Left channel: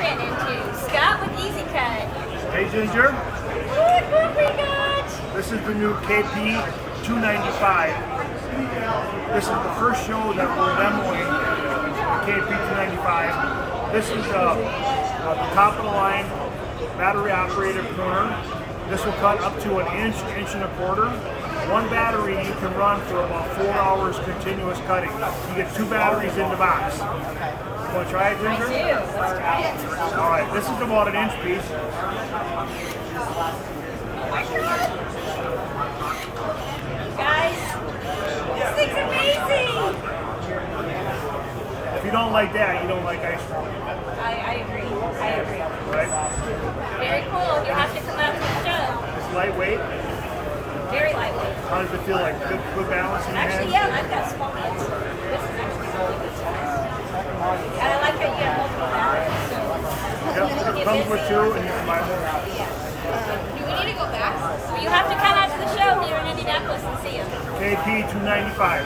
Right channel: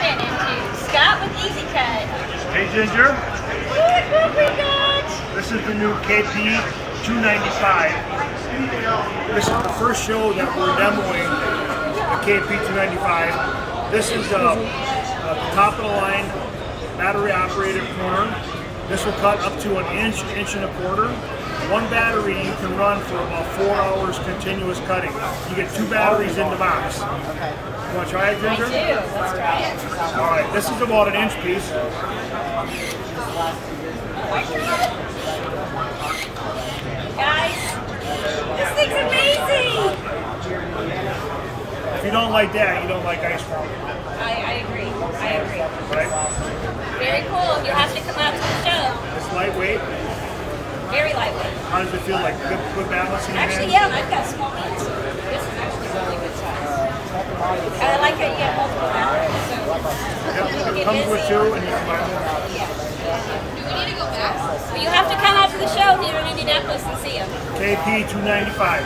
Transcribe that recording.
ran into? Scott with EZ KUT. Hey Ginger, What have we got? this is the new KP295. This is the first show that we're demoing the KP295. This is the top of the line battery operated pruner. This will cut up to an inch, inch and a quarter. One battery you can run for about 4 hours continuous cutting. You get 2 batteries in the box. You want to try it, Ginger? I do. Let's try it. All right, this is about an inch piece. Guys, this thing's amazing. If you don't like that, you don't like ice cream, I agree. I agree. right? Very cool. You'll have to come out to the show. It's lightweight. Very lightweight. How does it feel like? Good balance in your Actually, hands? yeah, I've got small hands. This is actually really good size. I like how you get multiple batteries. So Yep, it comes with 2 and you can buy more. yeah. You have to come out to the show here in Indianapolis and see them. KP295.